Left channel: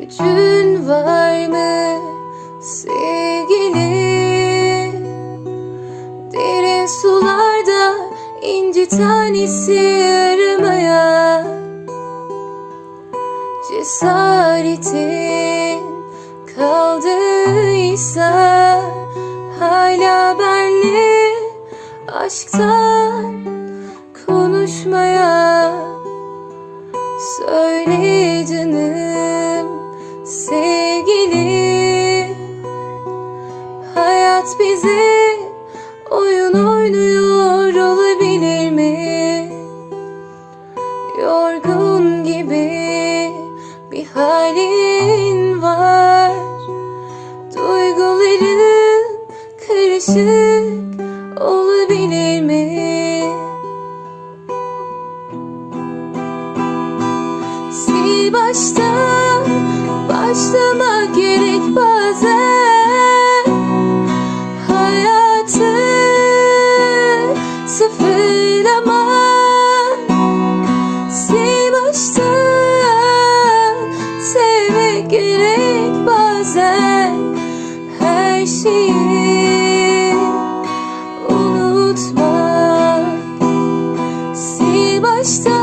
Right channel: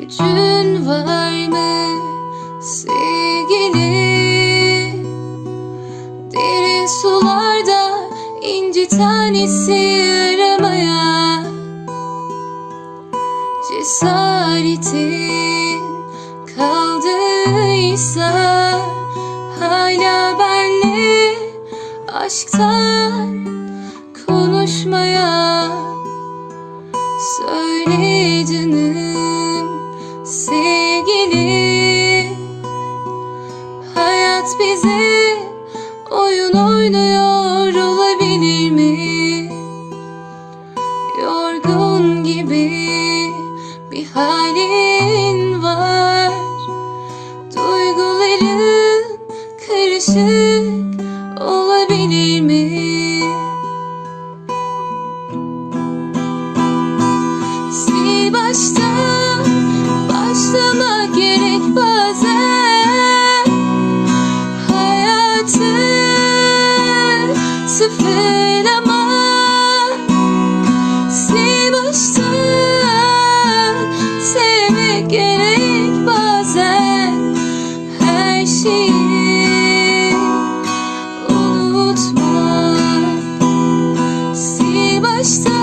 Gücün var mı sevgili? Derin sularda inci tanesi aramaya Cesaretin kaldıysa hala benle aşktan sevgili Hayat bize oyun oynuyor olabilir mi? Yorgun gibi bir halin var Duyguların karışık olabilir mi? Sil baştan başlamak gerek bazen. Hayatı sıfırlamak Sil baştan sevmek gerek bazen. Her şeyi unutmak Sil baştan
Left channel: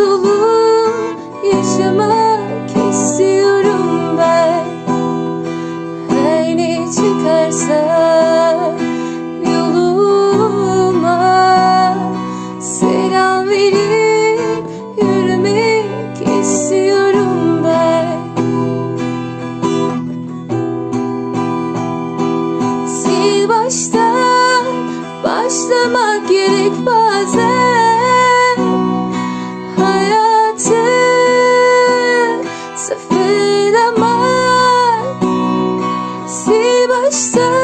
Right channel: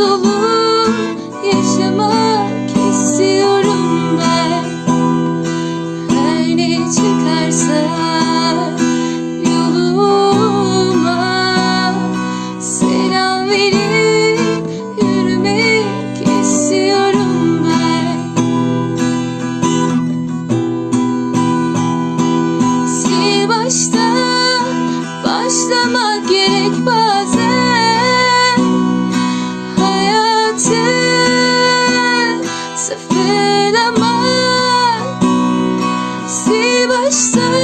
Dolu yaşamak istiyorum ben. Her ne çıkarsa başta